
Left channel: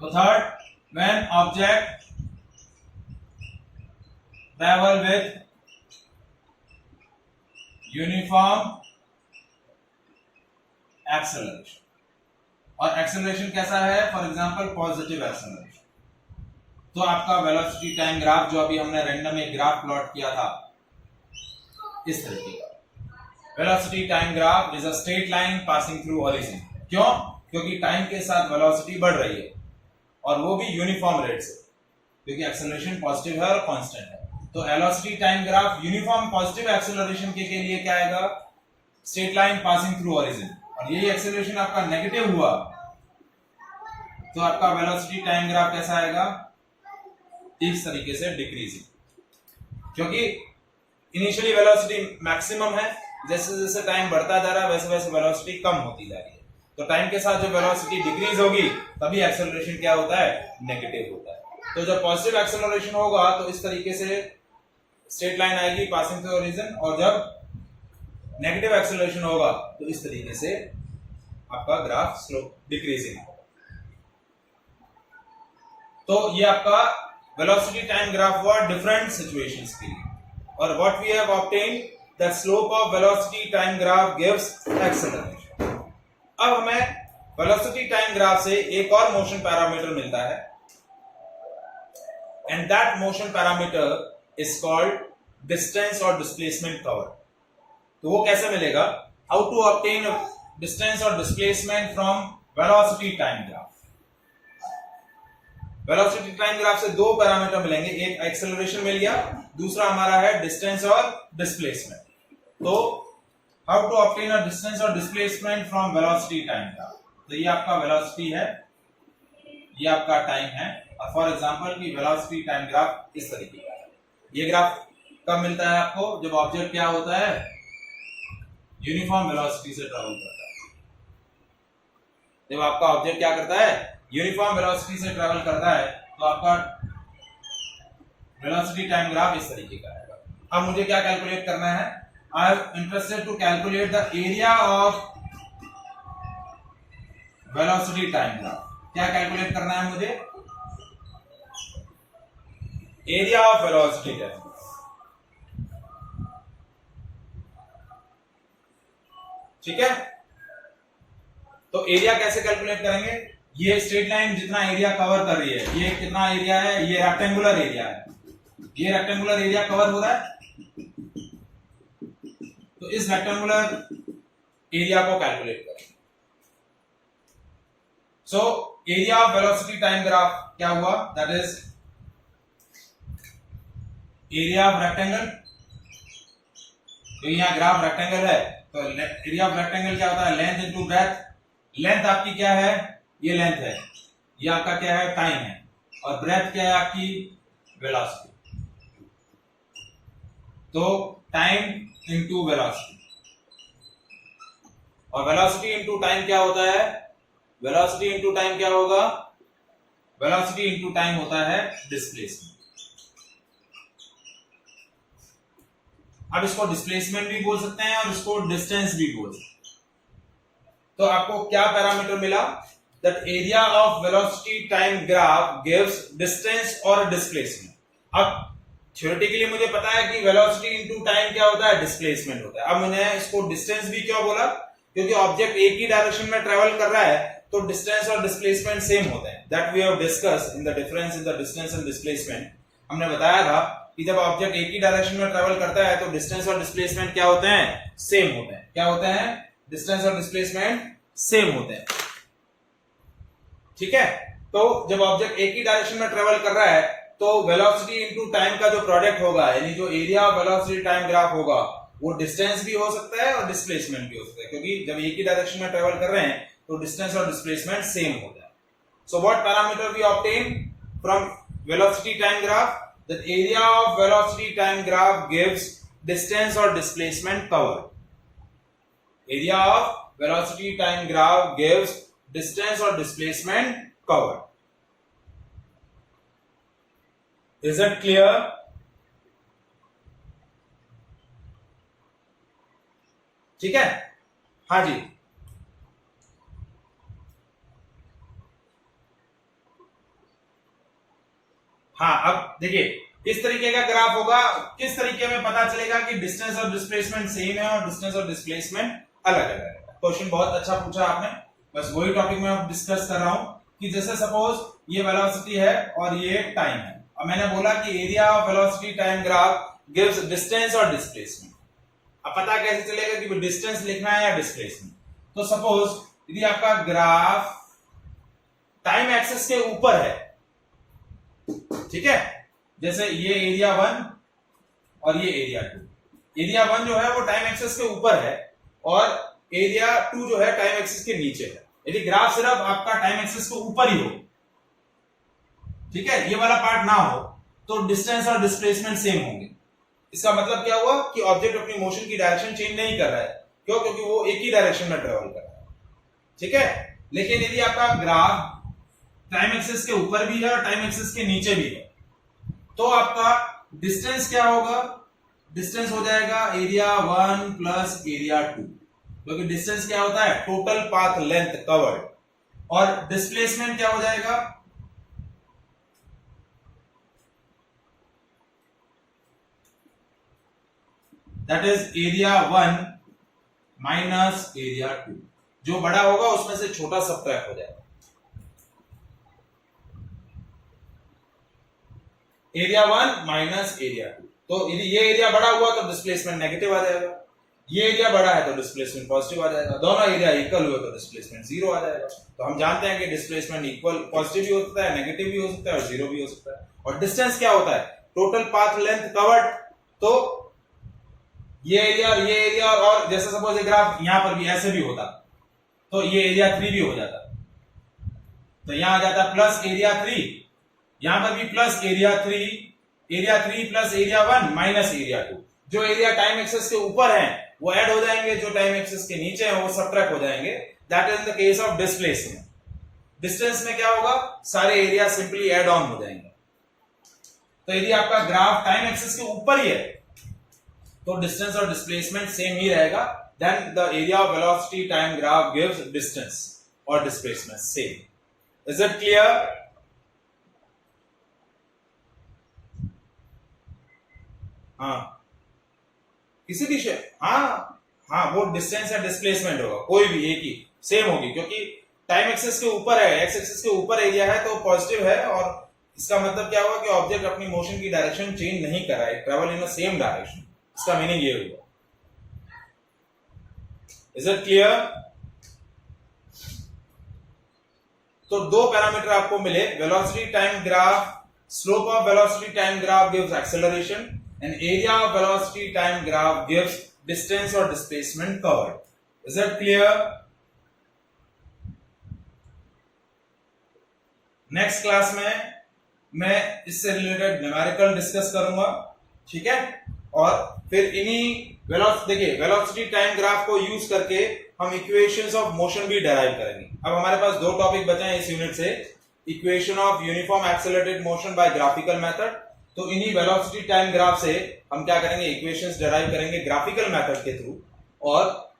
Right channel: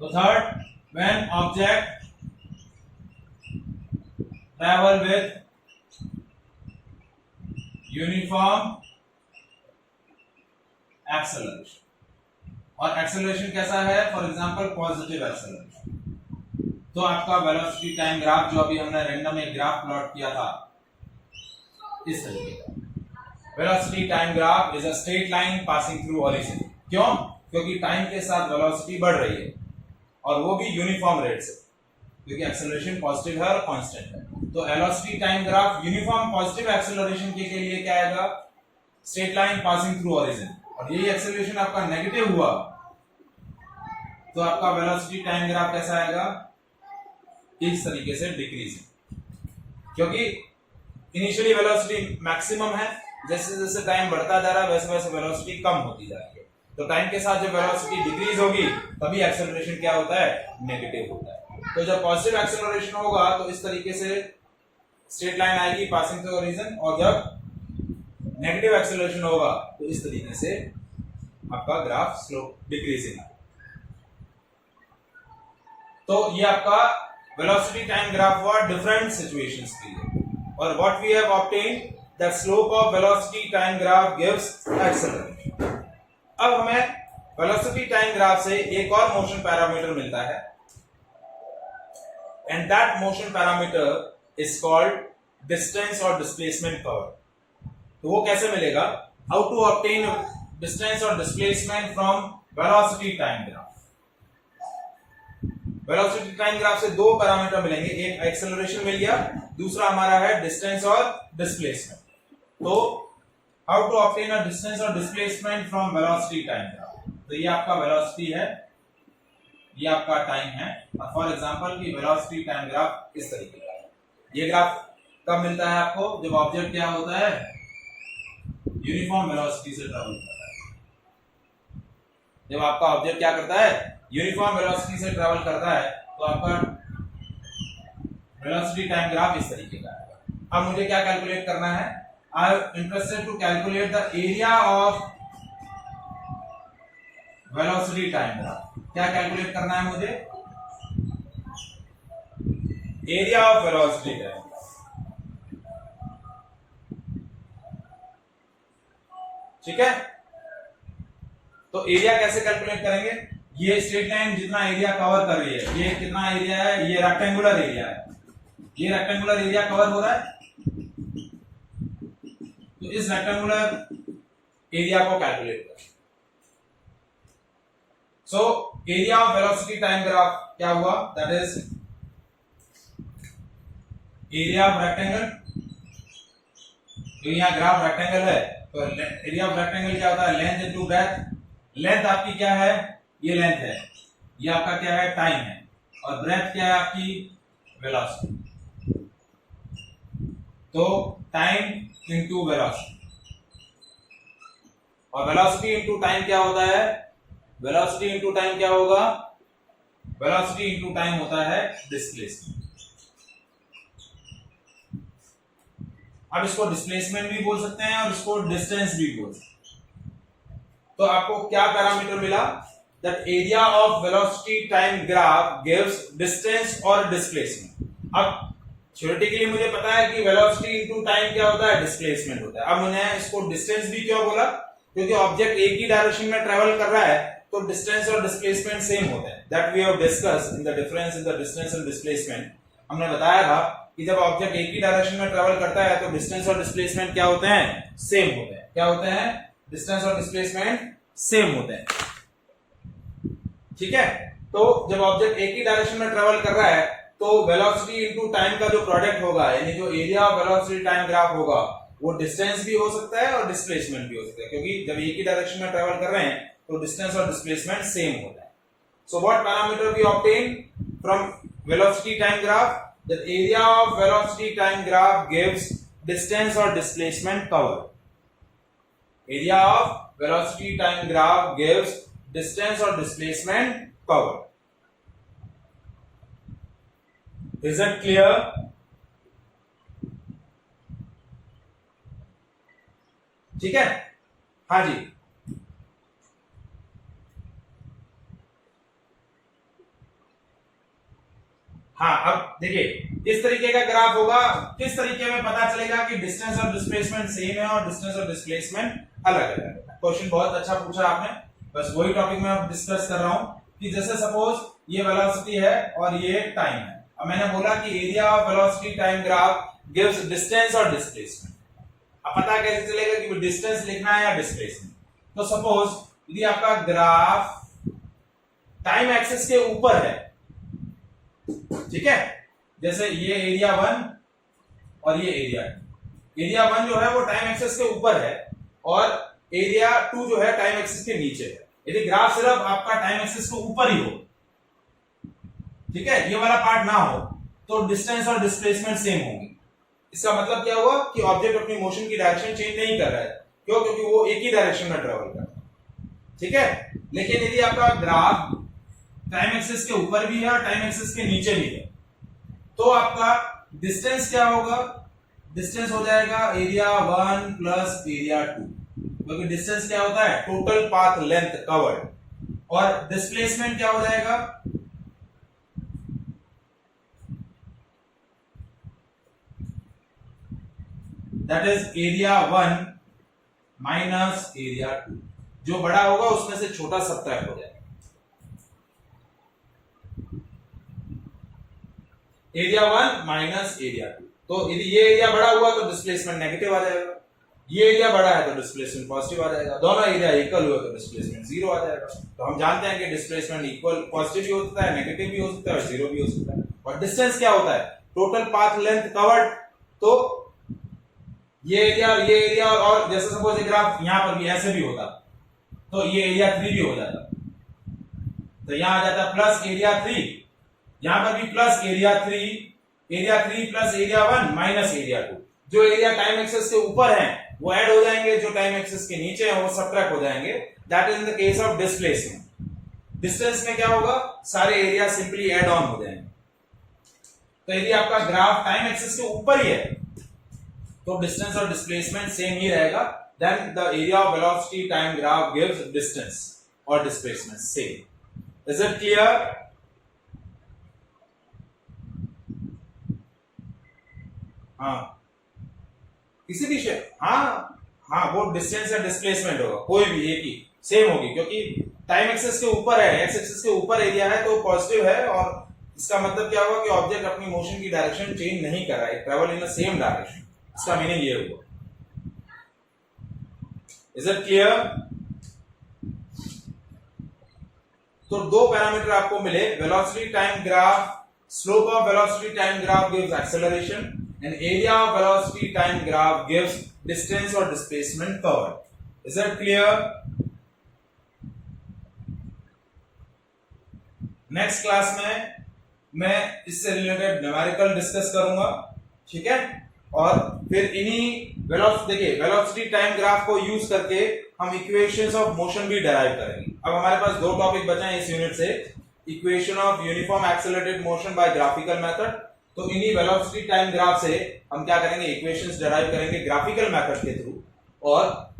तो third, when object travel with uniform acceleration, और एक्सेलरेशन कैसा है, फॉर एग्जांपल पॉजिटिव एक्सेलरेशन। तो आपका वेलोसिटी टाइम ग्राफ जो अभी हमने रैंडम एक ग्राफ प्लॉट किया था, इस तरीके का velocity time graph is a straight line passing through origin. क्यों, क्योंकि टाइम के साथ वेलोसिटी बढ़ रही है और वो भी यूनिफॉर्म रेट से, क्योंकि एक्सेलरेशन पॉजिटिव है और कांस्टेंट है। तो velocity time graph uniform positive acceleration के लिए क्या आएगा, straight line passing through origin. और यही एक्सेलरेशन आपका नेगेटिव हुआ तो आपका वेलोसिटी टाइम ग्राफ कैसा आएगा, इस तरीके से डिक्रीजिंग, क्योंकि इनिशियली वेलोसिटी मैक्सिमम है, जैसे जैसे टाइम बढ़ता जा रहा है वैसे वैसे वेलोसिटी कम होती जा रही है। तो टाइम के साथ जब वेलोसिटी डिक्रीज होगी तभी एक्सेलरेशन क्या होता है, नेगेटिव होता है। तो जब पॉजिटिव एक्सेलरेशन होगा तो इस तरीके से स्ट्रेट लाइन आएगी पासिंग थ्रू ओरिजिन, और जब नेगेटिव एक्सेलरेशन होगा तो इस तरीके से आपका ग्राफ स्लोप डिक्रीजिंग होगा। तो ये आपका वेलोसिटी टाइम ग्राफ हुआ डिफरेंट सिचुएशंस के लिए। और what we have obtained that slope of velocity time graph gives acceleration. अब हमें वेलोसिटी टाइम ग्राफ से एक और मोशन पैरामीटर मिलता है, and that motion parameter is called distance और डिस्प्लेसमेंट कवर। तो वो कैसे मिलेगा, हाउ टू ऑब्टेन डिस्टेंस और displacement from velocity time graph. Velocity time graph से दो पैरामीटर मिलेंगे, एक एक्सेलरेशन मिल गया, दूसरा हमारा है डिस्टेंस और डिस्प्लेसमेंट। तो how to obtain a distance और displacement from velocity time graph. तो ये आपका वेलोसिटी है, ये आपका टाइम है, और फॉर एग्जांपल की वेलोसिटी टाइम ग्राफ इस तरीके का है। ये ग्राफ कब मिलता है आपको, जब ऑब्जेक्ट क्या होता है, यूनिफॉर्म वेलोसिटी से ट्रैवल करता है। जब आपका ऑब्जेक्ट क्या करता है, यूनिफॉर्म वेलोसिटी से ट्रैवल करता है, तो आपका वेलोसिटी टाइम ग्राफ इस तरीके का आएगा। अब मुझे क्या कैलकुलेट करना है, I am interested to calculate the area of velocity time graph. क्या कैलकुलेट करना है मुझे, area of velocity time graph. ठीक है, तो एरिया कैसे कैलकुलेट करेंगे, ये स्ट्रेट लाइन जितना एरिया कवर कर रही है, ये कितना एरिया है, ये रेक्टेंगुलर एरिया है, ये रेक्टेंगुलर एरिया कवर हो रहा है, तो इस रेक्टेंगुलर एरिया को कैलकुलेट करें। So area of velocity time graph क्या हुआ, that is area of rectangle. तो यहां ग्राफ रेक्टेंगल है, तो एरिया ऑफ रेक्टेंगल क्या होता है, लेंथ इनटू ब्रेथ। लेंथ आपकी क्या है, ये लेंथ है, ये आपका क्या है, टाइम है, और ब्रेथ क्या है आपकी, वेलोसिटी। तो टाइम इंटू वेलोसिटी, और वेलोसिटी इंटू टाइम क्या होता है, वेलोसिटी इंटू टाइम क्या होगा, वेलोसिटी इंटू टाइम होता है डिस्प्लेसमेंट। अब इसको डिस्प्लेसमेंट भी बोल सकते हैं और इसको डिस्टेंस भी बोल सकते हैं। तो आपको क्या पैरामीटर मिला, that area of velocity time graph gives distance और डिस्प्लेसमेंट। अब थ्योरेटिकली मुझे पता है कि वेलोसिटी इनटू टाइम क्या होता है, डिस्प्लेसमेंट होता है। अब मैंने इसको डिस्टेंस भी क्यों बोला, क्योंकि ऑब्जेक्ट एक ही डायरेक्शन में ट्रेवल कर रहा है तो डिस्टेंस और डिस्प्लेसमेंट सेम होते हैं। That we have discussed in the difference in the distance and displacement. हमने बताया था कि जब ऑब्जेक्ट एक ही डायरेक्शन में ट्रेवल करता है तो डिस्टेंस और डिस्प्लेसमेंट क्या होते हैं, सेम होते हैं। क्या होते हैं, डिस्टेंस और डिस्प्लेसमेंट सेम होते हैं। ठीक है, तो जब ऑब्जेक्ट एक ही डायरेक्शन में ट्रेवल कर रहा है तो वेलोसिटी इनटू टाइम का जो प्रोडक्ट होगा, यानी जो area of velocity time graph होगा, वो डिस्टेंस भी हो सकता है और डिस्प्लेसमेंट भी हो सकता है, क्योंकि जब एक ही डायरेक्शन में ट्रेवल कर रहे हैं तो डिस्टेंस और डिस्प्लेसमेंट सेम होता है। So what parameter we obtain from velocity time graph, that area of velocity time graph gives distance और displacement cover. Area of velocity time graph gives distance और displacement cover. Is it clear? ठीक है, हाँ जी। हाँ, अब देखिए इस तरीके का ग्राफ होगा, किस तरीके में पता चलेगा कि डिस्टेंस और डिस्प्लेसमेंट सेम है और डिस्टेंस और डिस्प्लेसमेंट अलग अलग है। क्वेश्चन बहुत अच्छा पूछा आपने, बस वही टॉपिक में अब डिस्कस कर रहा हूं कि जैसे सपोज ये वेलोसिटी है और ये टाइम है। अब मैंने बोला कि area of velocity time graph gives distance और डिस्प्लेसमेंट। अब पता कैसे चलेगा कि डिस्टेंस लिखना है या डिस्प्लेसमेंट। तो सपोज यदि आपका ग्राफ टाइम एक्सिस के ऊपर है, ठीक है, जैसे ये एरिया 1 और ये एरिया 2। एरिया 1 जो है वो टाइम एक्सिस के ऊपर है और एरिया 2 जो है टाइम एक्सिस के नीचे है। यदि ग्राफ सिर्फ आपका टाइम एक्सिस के ऊपर ही हो, ठीक है, ये वाला पार्ट ना हो, तो डिस्टेंस और डिस्प्लेसमेंट सेम होंगे। इसका मतलब क्या हुआ कि ऑब्जेक्ट अपनी मोशन की डायरेक्शन चेंज नहीं कर रहा है। क्यों? क्योंकि वो एक ही डायरेक्शन में ट्रेवल कर रहा है। ठीक है, लेकिन यदि आपका ग्राफ टाइम एक्सिस के ऊपर भी है और टाइम एक्सिस के नीचे भी है, तो आपका डिस्टेंस क्या होगा, डिस्टेंस हो जाएगा एरिया 1 प्लस एरिया 2, क्योंकि डिस्टेंस क्या होता है, टोटल पाथ लेंथ कवर्ड, और डिस्प्लेसमेंट क्या हो जाएगा, that is area 1 minus area 2। जो बड़ा होगा उसमें से छोटा सबट्रैक्ट हो जाएगा। Area 1 minus area 2। तो यदि ये एरिया बड़ा हुआ तो डिस्प्लेसमेंट नेगेटिव आ जाएगा, ये एरिया बड़ा है तो डिस्प्लेसमेंट पॉजिटिव आ जाएगा, दोनों एरिया इक्वल हुए तो डिस्प्लेसमेंट 0 आ जाएगा। तो हम जानते हैं कि डिस्प्लेसमेंट इक्वल पॉजिटिव भी हो सकता है, नेगेटिव भी हो सकता है और 0 भी हो सकता है। और डिस्टेंस क्या होता है, टोटल पाथ लेंथ कवर्ड। तो ये एरिया और जैसे सपोज ये ग्राफ यहां पर भी ऐसे भी होता तो ये एरिया 3 भी हो जाता, तो यहां आ जाता प्लस एरिया 3, यहां पर भी plus area 3 plus area 1 minus area 2। जो एरिया टाइम एक्सिस के ऊपर है वो ऐड हो जाएंगे, जो टाइम एक्सिस के नीचे है वो सबट्रैक्ट हो जाएंगे। That is in the case of displacement. Distance में क्या होगा, सारे एरिया सिंपली ऐड ऑन हो जाएंगे। तो यदि आपका ग्राफ टाइम एक्सिस के ऊपर ही है तो डिस्टेंस और डिस्प्लेसमेंट सेम ही रहेगा। Then the area of velocity time graph gives distance और displacement same. Is it clear? हाँ, किसी भी हाँ वो डिस्टेंस या डिस्प्लेसमेंट होगा, कोई भी एक ही सेम होगी, क्योंकि टाइम एक्सिस के ऊपर है, एक्स एक्सिस के ऊपर एरिया है तो पॉजिटिव है। और इसका मतलब क्या हुआ कि ऑब्जेक्ट अपनी मोशन की डायरेक्शन चेंज नहीं कर रहा है, travel in the same direction. इसका मीनिंग ये हुआ। Is it clear? तो दो पैरामीटर आपको मिले, velocity time graph, slope of velocity time graph gives acceleration and area of velocity time graph gives distance और displacement covered. Is it clear? Next class में मैं इससे रिलेटेड न्यूमेरिकल डिस्कस करूंगा, ठीक है। और फिर इन्हीं वेलोसिटी टाइम ग्राफ को यूज करके हम इक्वेशंस ऑफ मोशन भी डराइव करेंगे। अब हमारे पास 2 टॉपिक बचे हैं इस यूनिट से, equation of uniform accelerated motion by graphical method. तो इन्हीं वेलोसिटी टाइम ग्राफ से हम क्या करेंगे, इक्वेशंस डराइव करेंगे ग्राफिकल मेथड के थ्रू, और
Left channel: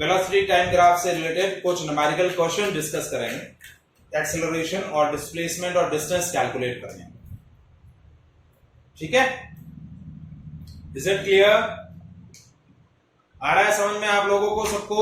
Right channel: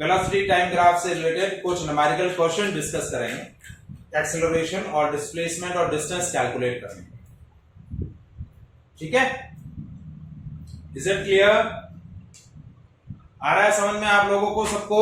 वेलोसिटी टाइम ग्राफ से रिलेटेड कुछ न्यूमेरिकल क्वेश्चन डिस्कस करेंगे, एक्सेलरेशन और डिस्प्लेसमेंट और डिस्टेंस कैलकुलेट करने, ठीक है। Is it clear? आ रहा है समझ में आप लोगों को सबको?